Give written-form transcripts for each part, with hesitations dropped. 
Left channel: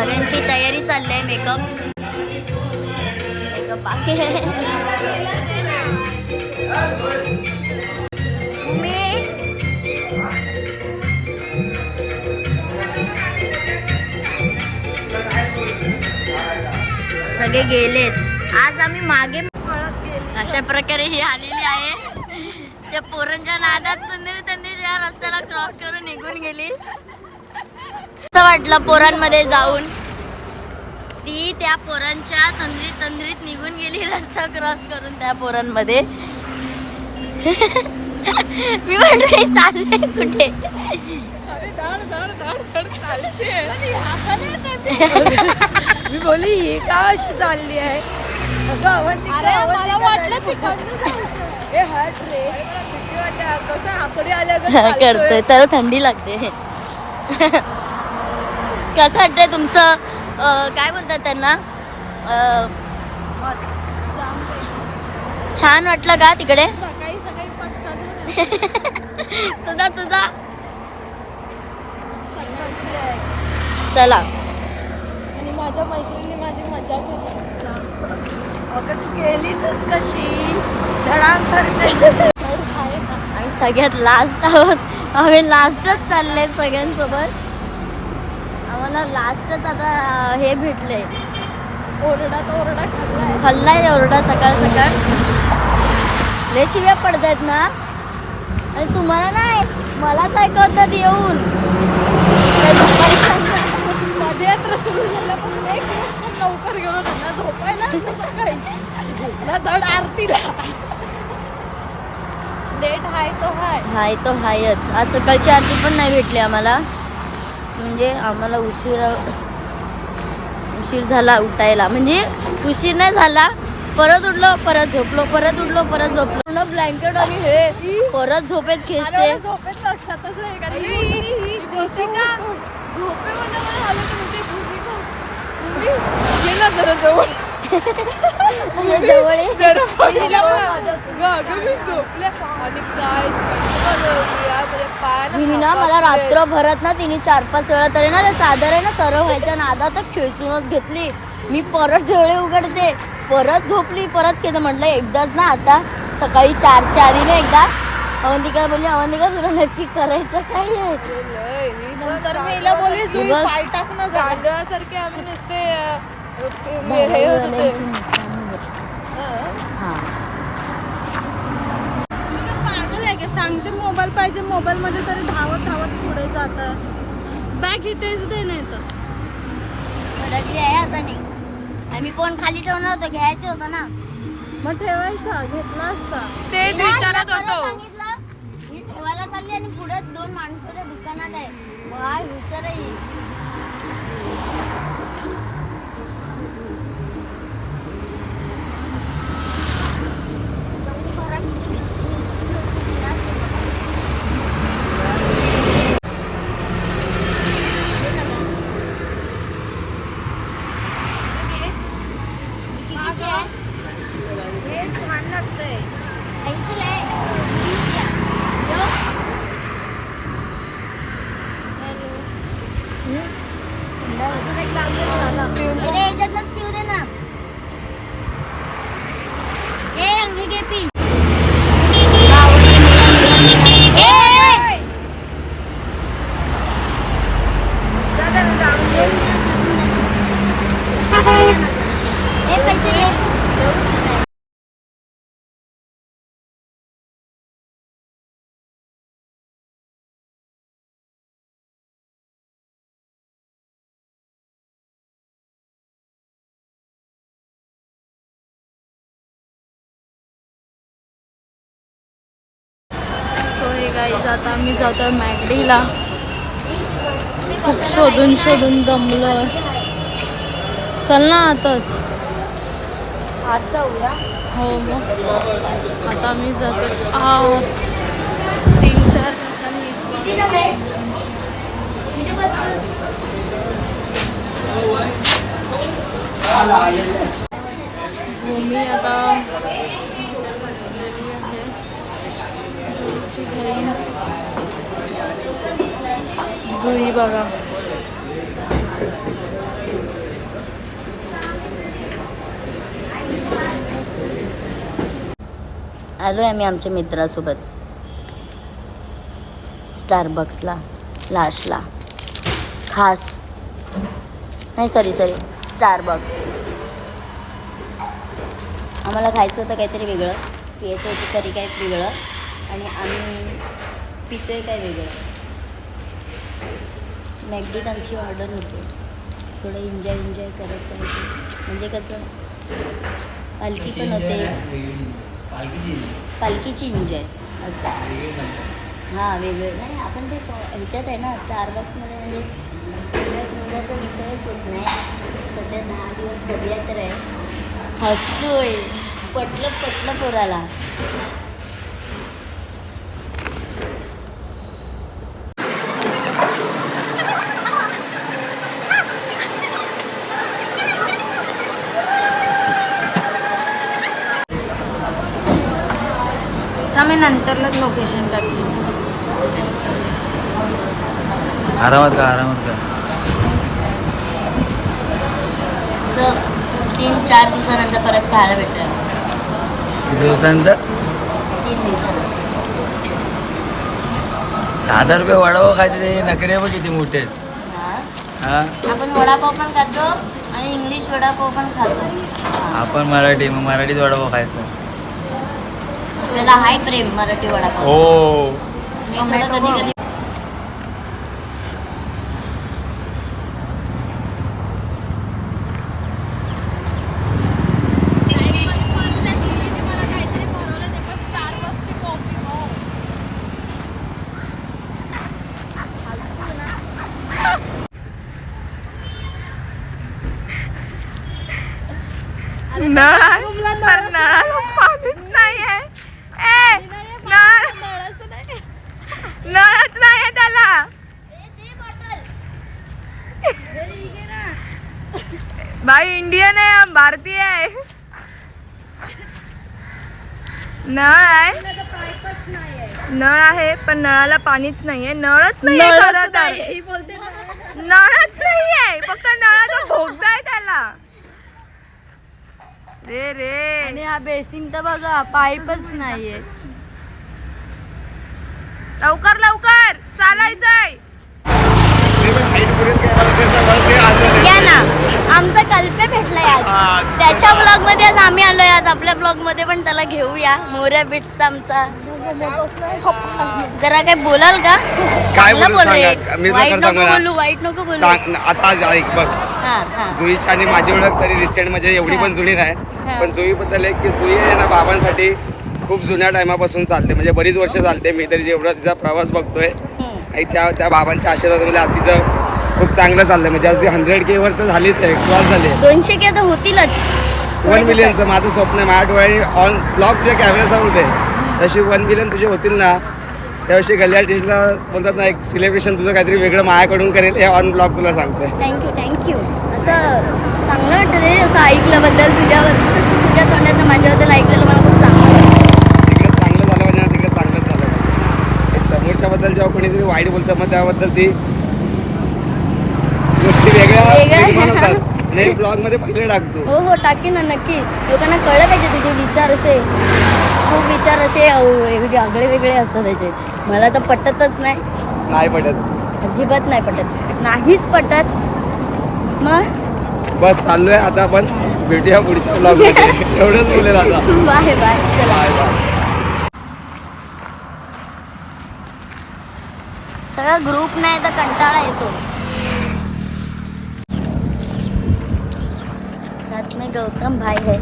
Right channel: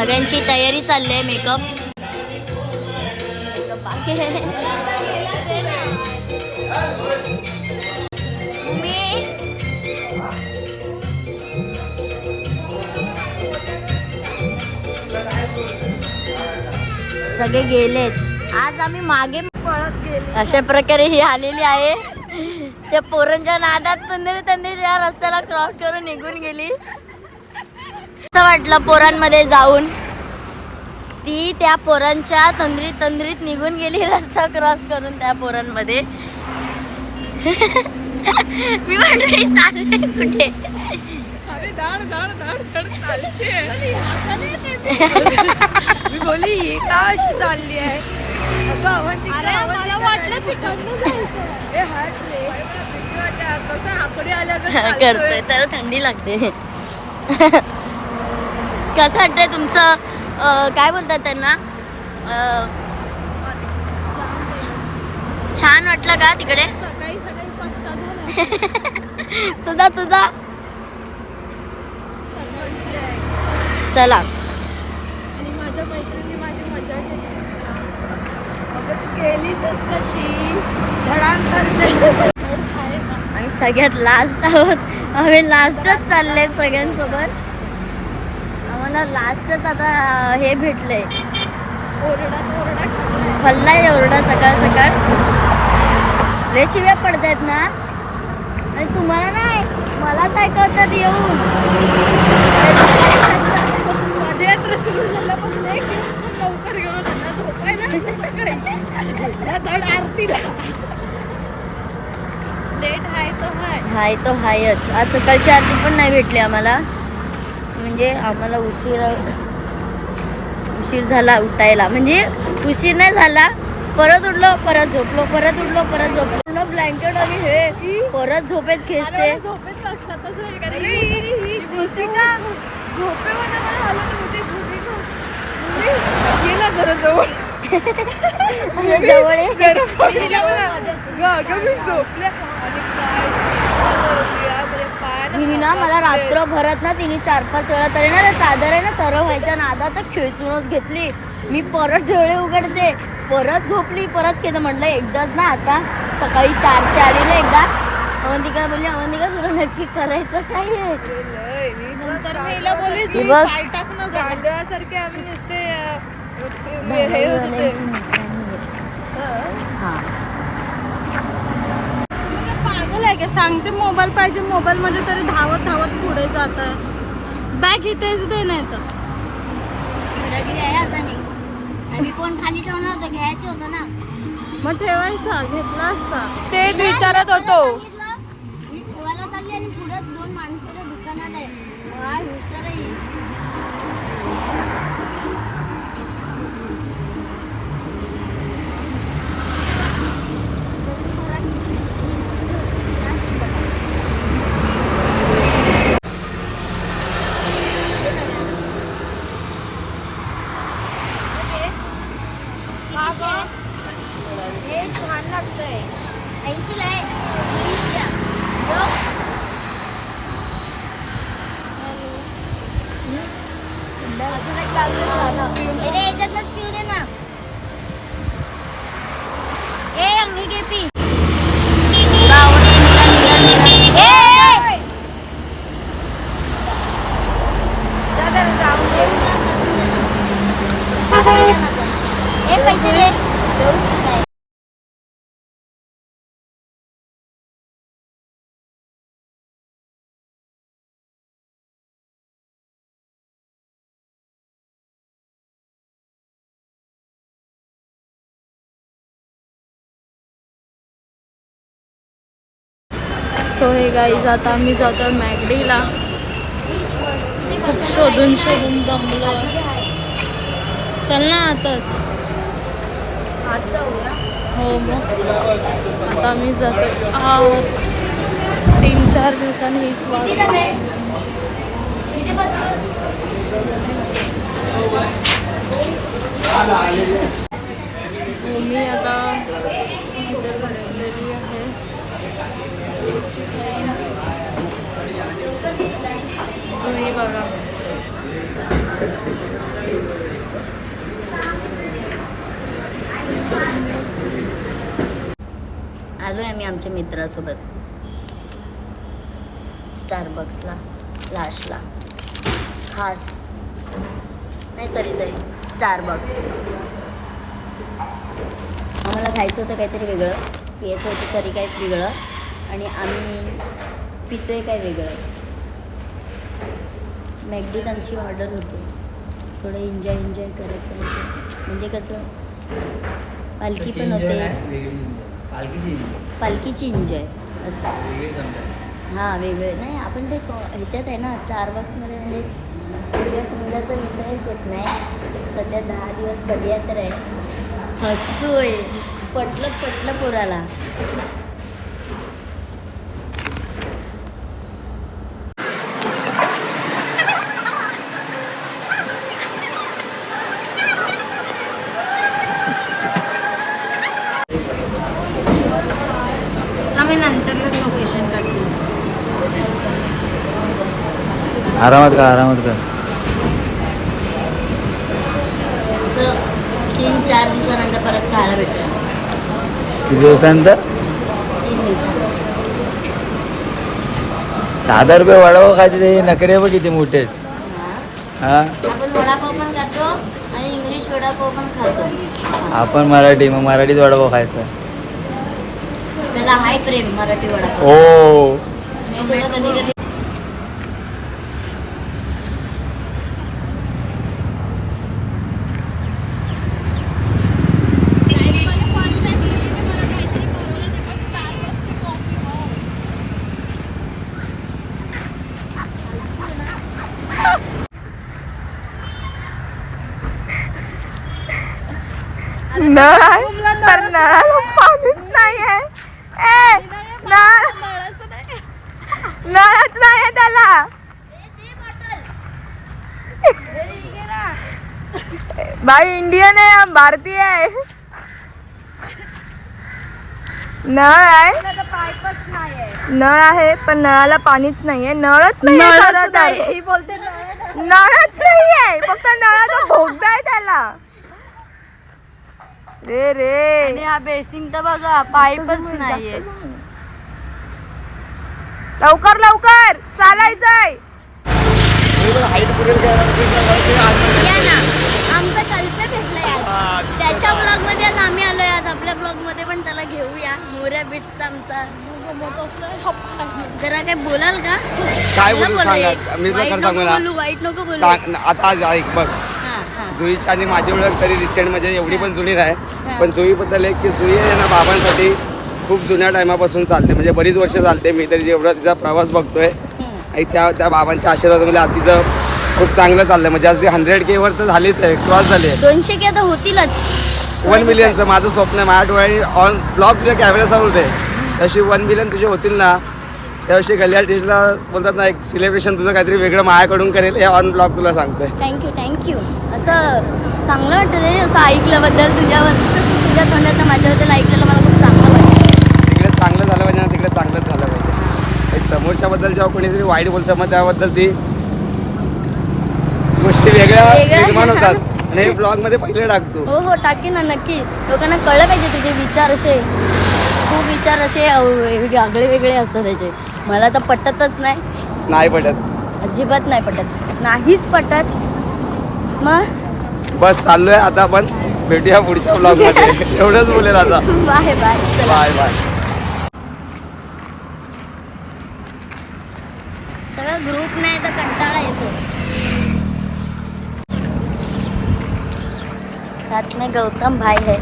सगळ्यांची तयारी चालली आहे. मेकअप बाकी आहे. सगळे गेलेत. आज आम्ही मागे अशा प्रकारे ही आलेली आहे. त्या पोरांच्या नादात तंद्री त्या रस्त्याला क्रॉस करून निघून गेली. असं वाटलं पोरांमध्ये जाऊन. ती त्या पोरांच्या तंद्रीत निघून गेली रस्ता क्रॉस करून त्या पोरांमध्ये. मी म्हटलं चालले कुठे. मी बोली ही का अशी चालली आहे. अरे मला वाटलं कसं आकडे आल्या करते तर थंडी लागते. कसं वाटतंय तुमचं? काय बोलतात त्यांना? छान वाटलं का तिकडे? सकाळी पचका झाला. तुझा चला. आणि माझ्या मैत्रिणी माझी मजा घेतात. तू गेलीस कशी. आम्ही सगळ्यात लास्ट आहोत. आम्ही लास्टच चालले सगळ्यांसोबत. आम्हाला लास्टच आता हे भेटले. ओरडा खाल्लाय ओरडा सकाळ लय शिव्या पडतायत ना. आणि तुम्हाला नाही मलाच ऐकवतात येऊन. लवकर गेलो त्यांना झोपाय ना सकाळी धड आरतीला. लेट हाय तो हायच. आज सकाळची आरती पण नाही भेटली आम्हाला. म्हणजे आम्हाला उशीर झाला उठायला. म्हणजे उशीर नाही झाला. परत उठलो परत झोपलो परत उठलो परत झोपलो. ब्लँकेट आणि हे परत झोपेत खेचते. लक्षातच झोपेमध्ये मला आलं गेला जरा जवळ ना. मला रात्रभरात ना तिने 4-5 वेळा तरी ना चादर आहे ना सरळ व्हायच्या नादातच खेचूनच घेतली. मी परत डोळे उघडते परत झोपली परत केलं. म्हटलं एकदाच ना आता सकाळी 4च्या आधीने एकदा. अवंतिका बोलली अवंतिका तुला नक्की करायचं काय आहे. गांडळासारखे आम्ही नुसते पागल आहे का. सांगते मोबाईल पाहिजे. मोबाईल मध्ये तरी धावत पुढे जात. बॅग इथेच दे नाही तर भडकली आहे आता नाही. आम्ही फोन खाली ठेवणार होतं घ्यायचं होतं ना. मग ठेवायचं घेतला असता. तेच विचारत होतो. मी ठेवायला चालली आणि पुढे 2 माणसं त्या दुकानात आहे. काय हुशार आहे. छान लागतंय. 80 ला आहे. शिव दे ना. ए अंगी घे पी. पैसे दे. सो हे गाईज आता आम्ही जातोय मॅगडीला. खूप शोधून दमलो. चल ना आताच. आज जाऊया. हो मग आता आम्ही जातो 3-4 दिवसांनी हीच वाट. मी आता इथे बसलेली आहे. जुईची बहीण जुई बघा. आलोय आम्ही आमच्या मित्रासोबत स्टारबक्सला लास्टला. खास नाही सॉरी स्टारबक्स. आम्हाला खायचं होतं काहीतरी वेगळं, पियायचं होतं तरी काही वेगळं, आणि आम्ही पितोय काय वेगळं. मॅकडीत आमची ऑर्डर होती. थोडं एन्जॉय करत जायचं, म्हणजे कसं पालखी पण होते, पालखीची एन्जॉय असं. हां वेगळे नाही, आपण ते ह्याच्यात आहे ना स्टारबक्समध्ये, म्हणजे वेगळ्या समजाचा विषयच होत नाही. सध्या 10 दिवस सध्या तर आहे. हसूय पटलं पोराला. आम्ही नंतरलाच लोकेशन टाकली. आरामात का असं 3-4 दिवसानंतर परत खायला भेटेल. किती दिवसानंतर? 3 दिवसानंतर. 10 रुपये वडापाव खायचे, ते नखरे बघ किती मोठे आहेत. हां हा आपण वडापाव पण खातो आणि इंग्लिश वडापाव पण खातो. आपण मराठी, मग मराठीत वडापाव खायचा. आपल्याला हाय प्रेम मराठी वडापाव. हो मी थोडं कधी कधी मला काहीतरी भरवलं ते पण स्टारबक्सची कॉफी. हो नळाला पाणीच नाही आहे. नळच नाही आहे त्याला. भाई इंडियन आहे, हम भारतीय आहे. नळ आहे, नळ आहे पण नळाला पाणीच नाहीये. नळच नाही खरं तर, नळच नाहीये, फक्त नळाचा भोगदा आहे त्याला. रे आणि हा बेसिंग तर बघा पाईपच नाहीये. लवकर चालायचंय. या ना, आमचा कल्पे भेटलाय आज. त्याच्या ब्लॉग मध्ये आज आम्ही आलोय. आज आपल्या ब्लॉग मध्ये पण त्याला घेऊया. मोऱ्या बिट्सचा आमचा. जरा काय बोलाल का? काय चांगलं बोलू बोल रे. सांगा, मी वाईट खरं नको सांगू ना. बोलू, वाईट नको बोलू. सांग आता ऐक बघ, हां जुईची आणि माझी ओळख तरी रिसेंट म्हणजे एवढी पण जुनी नाही, हा. पण जुईबद्दल एक की जुई आहे ना बाबांसाठी खूप जुन्या टायमापासून चालते, म्हणजे बरीच वर्ष चालते. मी तरी जेवढा तिचा प्रवास बघतोय आणि त्या बाबांच्या आशीर्वादामुळे आज तिचं खूप चांगलं चाललंय. म्हणजे आज ती 100K वर तर झालीच आहे, क्रॉस झाली आहे. 200K आता होतीलच. 1 मिलियनचं माझं स्वप्न आहे. माझ्या डोळ्याने ऑन ब्लॉग तुझ्या कॅमेऱ्यासमोर होते, तशी 1 मिलियन तुझे होतील ना, त्यावर्षी गल्ल्या टेस्टला बोलतात ना, एक सेलिब्रेशन तुझं काहीतरी वेगळं माझ्याकडून करेल, हे ऑन ब्लॉग तुला सांगतोय. थँक्यू. असं चांगलं वाटतं रे, असं ऐकल्याबद्दल तुझ्या तोंडात माझ्याबद्दल ऐकलेलं मला खूप चांगलं वाटतं. तिकडे चांगलं झालं पाहिजे ना, तिकडे चांगलंच झालं पाहिजे. समोरच्याबद्दल जेव्हा कोणीतरी वाईट बोलतं मग त्याबद्दल ती गोष्टी वेगळ्या निर्माण होतात. आणि हे ब्लॉगमध्ये पहिले टाकतो. हो टाकेन ना, नक्की. लोकांना कळलं पाहिजे तुझे विचार असे, खूप विचार असे आगळे वेगळे असतात त्याचे. मला तर पटतच नाही पटत, अजिबात नाही पटत, नाहीच पटत. मग बस चाललोय आता, आपण भेटूया पुढच्या ब्लॉगमध्ये. एवढंच बोलेल आता. बाय चला. बाय. सगळा ग्रुप नाही तर कंटाळा येतो. साथ में गौतम भाई है.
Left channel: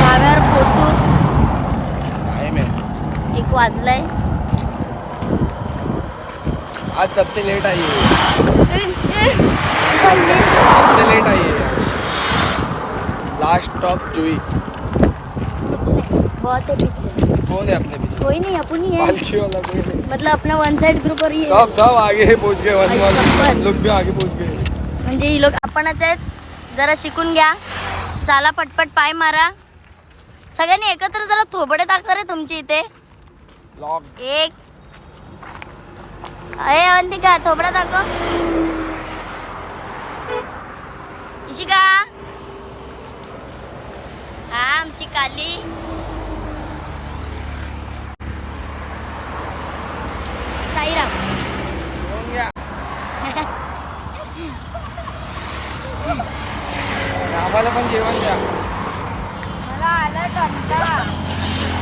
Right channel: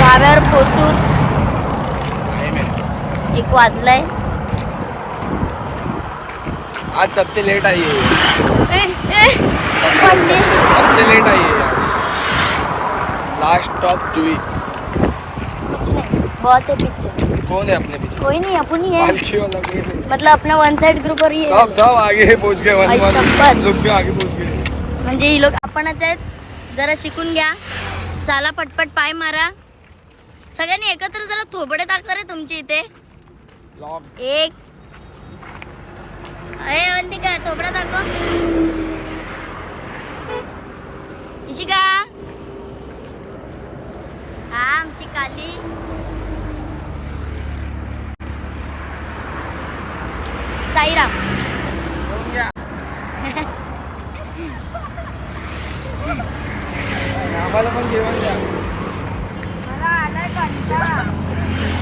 धाब्यावर पोचू 1 वाजलाय. आज सबसे लेट आई है ए, ए, सबसे लेट आई है यार. लास्ट स्टॉप जुई. कुछ नहीं, बहुत है पीछे. कौन है अपने पीछे? कोई नहीं, अपन ही है. पालची वाला कोई नहीं. मतलब अपना वन साइड ग्रुप और ये सब आगे पहुंच गए. आई शपथ. लोग भी आगे पहुंच गए. म्हणजे ही लोक आपणच आहेत. जरा शिकून घ्या. चाला पटपट पाय मारा. सगळ्यांनी एकत्र जरा थोबडे दाखवा रे तुमची इथे. एक अरे अवंतिका थोबडा दाखव. इशिका हा आमची काली. साईराम.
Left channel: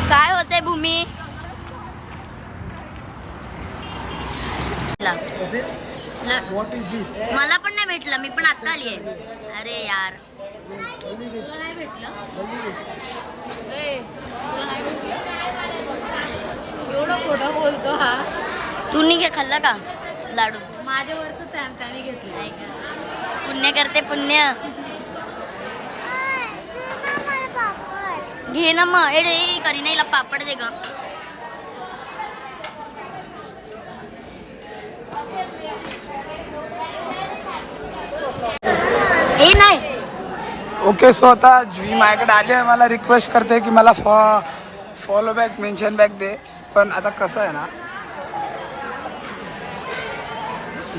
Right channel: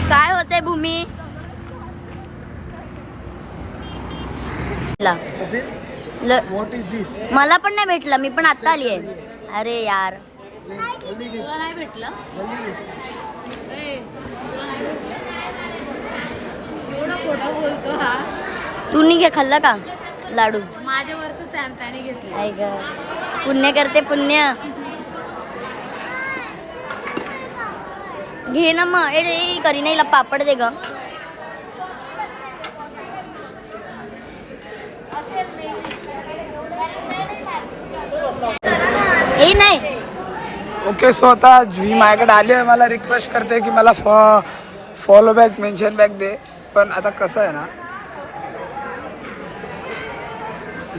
काय होतंय भूमी? What is this? मला पण नाही भेटलं, मी पण आता आली आहे. अरे यार नाही भेटलं एवढं खोटं बोलतो हा. तू नाही घे खाल्लं का लाडू? माझ्यावरच त्याने घेतलं. आई ग पुण्य करते पुण्य. घे ना मग. ए करी नाही पापड दे ग. ए नाही. ओके सो आता जुई माझ्याकडे आली आहे. मला रिक्वेस्ट करते की मला फॉलो बॅक मेन्शन बॅक दे. पण आता कसं आहे ना,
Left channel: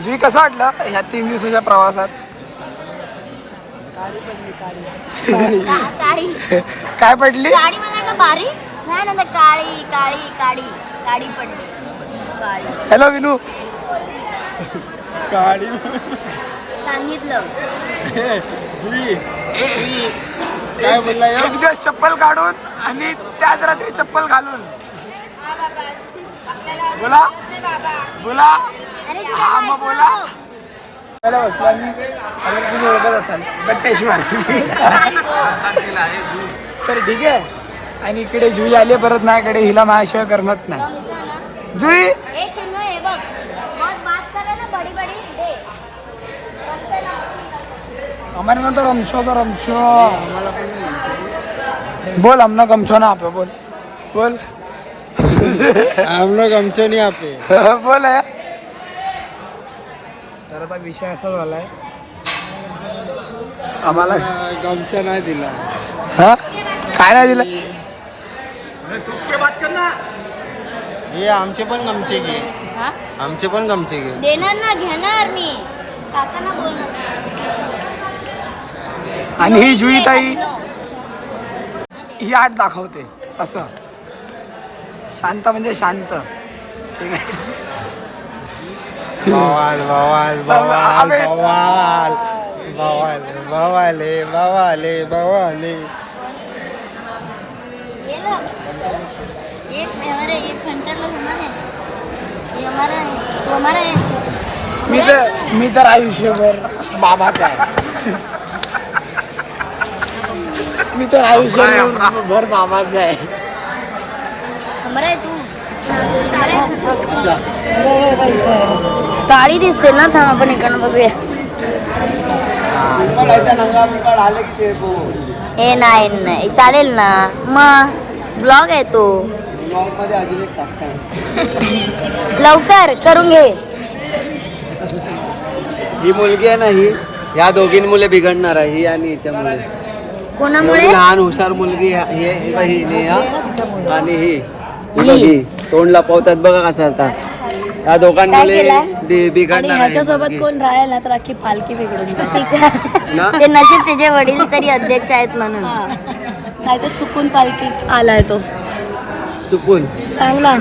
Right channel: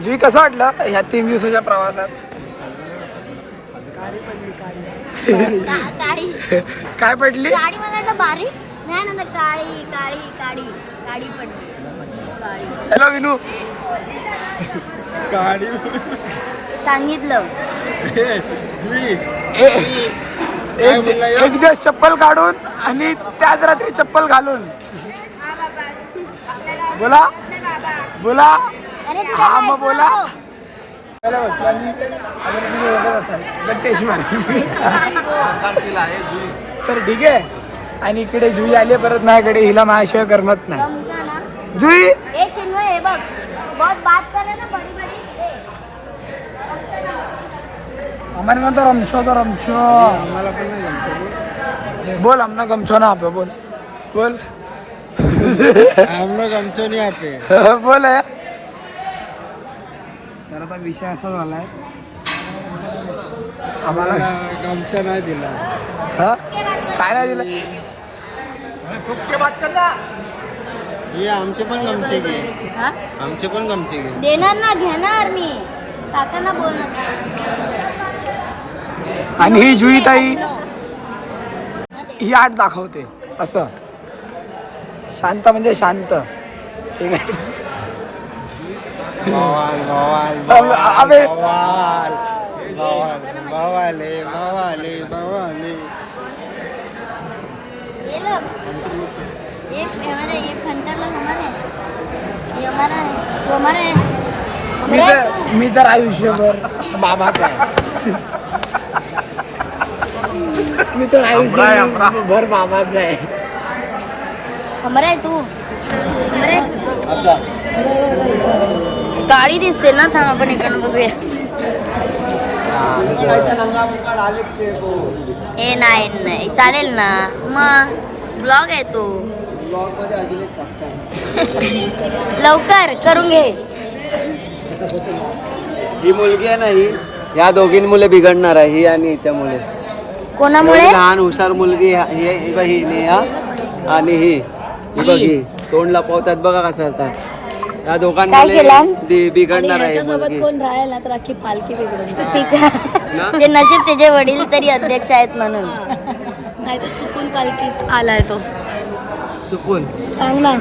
जुई कसं वाटलं ह्या 3 दिवसाच्या प्रवासात? काय पडली? काळी मला बारी नाही ना. काळी काळी काळी काळी पडली. काळी. हॅलो विनू. सांगितलं. एक दिवस चप्पल काढून आणि त्याच रात्री चप्पल घालून. बोला बोला. हा मग बोला. तर ठीक आहे. आणि इकडे जुई आली परत माझ्याकडे. हिला माझ्याशिवाय करमत नाही. जुई ए चिन्ह हे बघ बहुत बात करे ना बड़ी बड़ी. हमारे में तो रमशो हमारा पण नाही गमछो. बोल हमना गमछो ना आपे. बोल बोल. हमने गमछे नहीं आपे. बोल आहे. तर आता विषय असा झालाय आम्हाला गमछा नाही दिला. हा काय नाही दिलं. ये आमचे पण गमछे घे. हा आमचे पण गमछे घे. देणार ना घेणार मी. काकांना बोलणार. आणि ही जुई ताई ही आठ दाखवते असं. शांत म्हणजे शांत. ठीक आहे. बवाल बवाल अबे बवाल बवाल बवाले बवाले बवाले. ये ना ये हमारा ये फंटर लोग हमारे हैं. ये हमारा है वो हमारा है. मी तर आयुष्यभर बाबाचा आहे. मी तर आयुष्यभर बाबाचा आहे. हमारा है तू. काळी दिसते ना. थांब आपण इकडनं बघूया. ए नाही नाही चालेल ना मग. ब्लॉग आहे तो. लवकर करून घे. ही मुलगी आहे ना, ही या दोघींमुळे बिघडणार आहे. ही आणि हिच्यामुळे. कोणामुळे? एवढी लहान हुशार मुलगी ही नेहा आणि ही बघ. ही तोंड लपवतात बघा कसं आता. या दोघांमुळे बिघडणार आहे मुलगी. राहायला तर अख्खी पालखी बिघडून ठीक आहे. ते नशीब त्याचे वडील तरी अध्यक्ष आहेत म्हणून. नाही तर चुकून पालखीत आलाय तो. चुकून सांग ना.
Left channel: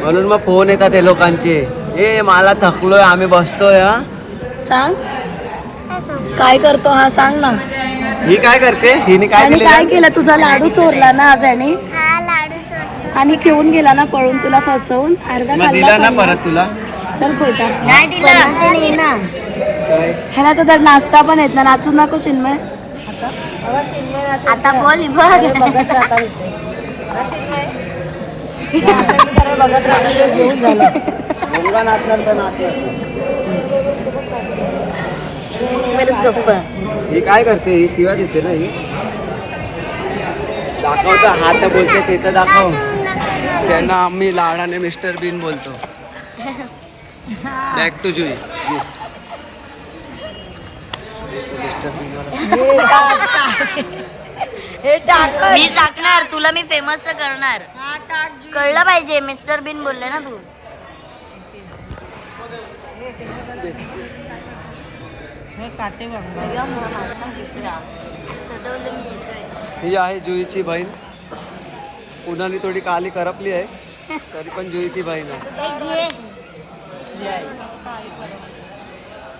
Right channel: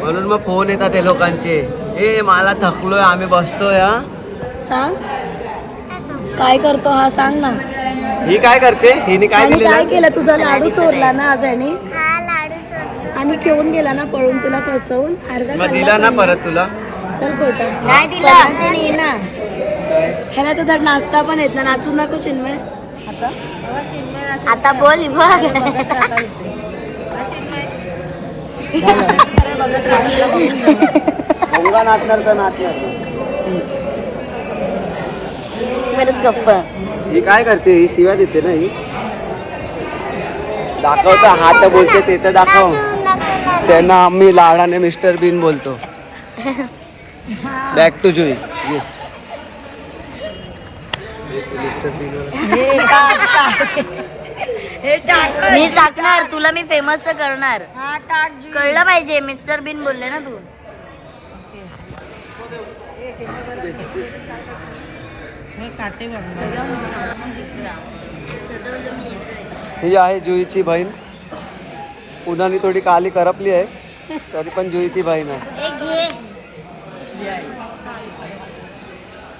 म्हणून मग फोन येतात हे लोकांचे. ए मला थकलोय आम्ही बसतोय. हा सांग काय करतो हा सांग ना. ही काय करते? हिने काय आणि दिलेलं? काय केलं? तुझा लाडू चोरला ना आज आणि आणि घेऊन गेला ना पळून तुला फसवून. अर्धा मग खाल्ला दिला ना पण. परत तुला. चल खोटा. नाही दिला. काय ह्याला तर नाश्ता पण येत ना. नाचू नको चिन्मय. आता बोल बघ. शिवा नाचणार तर नाचणार. परत गप्प. ही काय करते? ही शिवा देते ना ही. दाखवतो हात बोलते ते तर दाखव. त्यांना आम्ही लाडाने मिस्टर बीन बोलतो. Back to Jui. Mister Bean मी टाकणार तुला, मी फेमस तर करणार. कळलं पाहिजे, मिस्टर बीन बोलले ना तू. ही आहे जुईची बहीण. उन्हाने थोडी काली करपली आहे तरी पण जुईची बहीण आहे.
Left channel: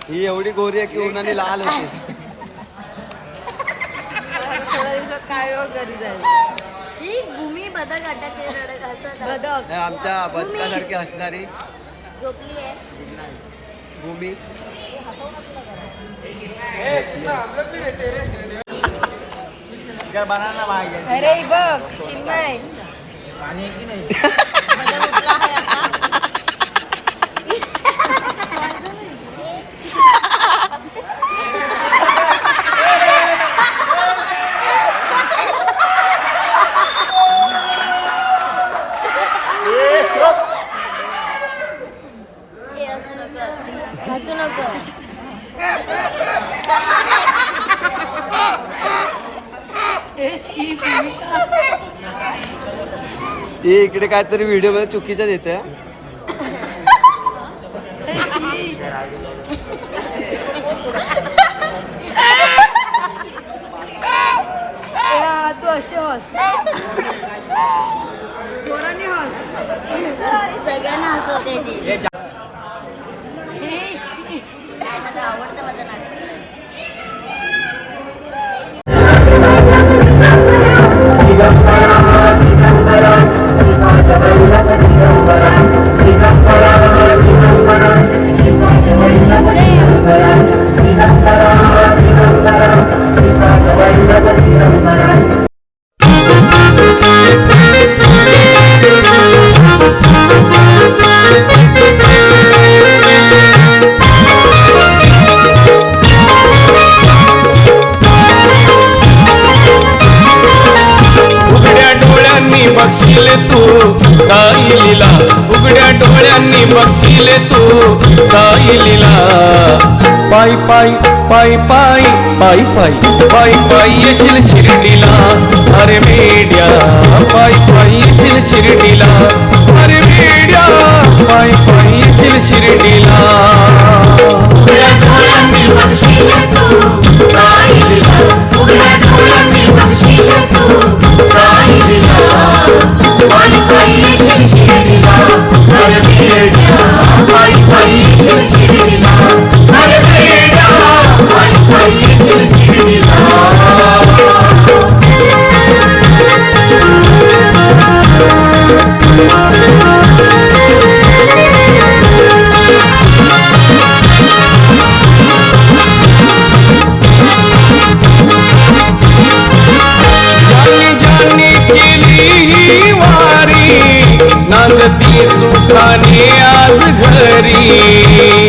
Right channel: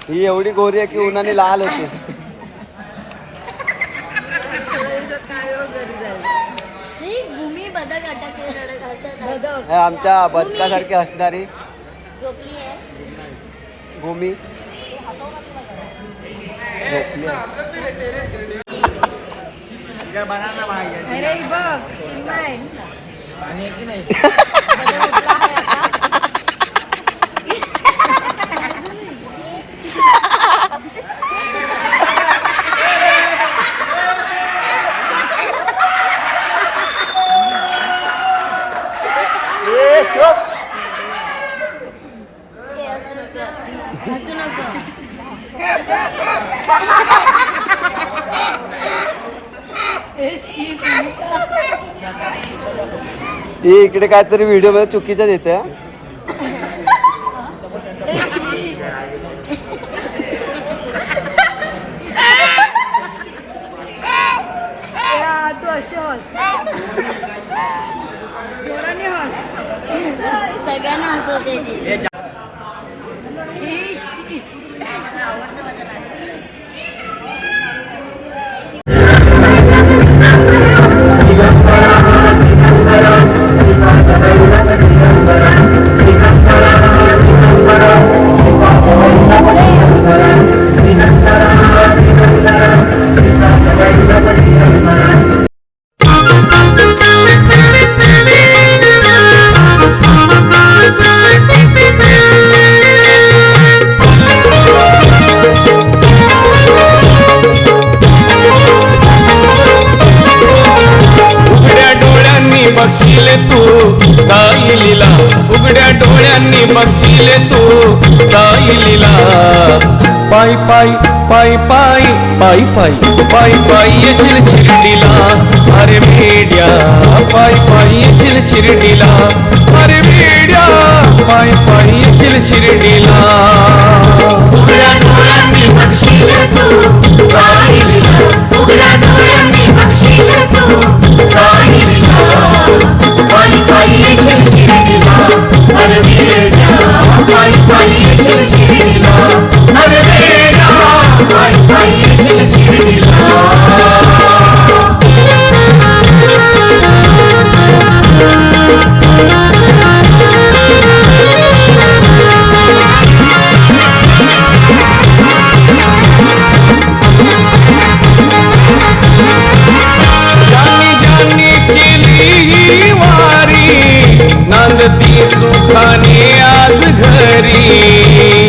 ही एवढी गोरी आहे की उन्हाने लाल होते. भूमी बदक अटकले रडत असं हे आमच्या बदकासारखी असणारी झोपली आहे. भूमी झोपली आहे. अरे बघ चिन्मय हसू नको. ही इकडे काहीतरी व्हिडिओ मध्ये चुकीचं देते. तू अशी हस, जोराने हस. सगळ्यांना हसवते ती. आवडतं माझं नाटक. बघशील तू साईलीला, उघड्या डोळ्यांनी बघशील तू साईलीला. पायी पायी पायी पायी पायी पायी पायी पायी येशील शिर्डीला. अरे वेड्या पायी पायी येशील शिर्डीला. अरे वेड्या पायी पायी येशील शिर्डीला. उघड्या डोळ्यांनी बघशील तू साईलीला, उघड्या डोळ्यांनी बघशील तू साईलीला. पायी पायी येशील शिर्डीला. अरे वेड्या पायी पायी येशील शिर्डीला. अरे वेड्या पायी पायी येशील शिर्डीला. केली वारी नांदती सुखाने आज घरी.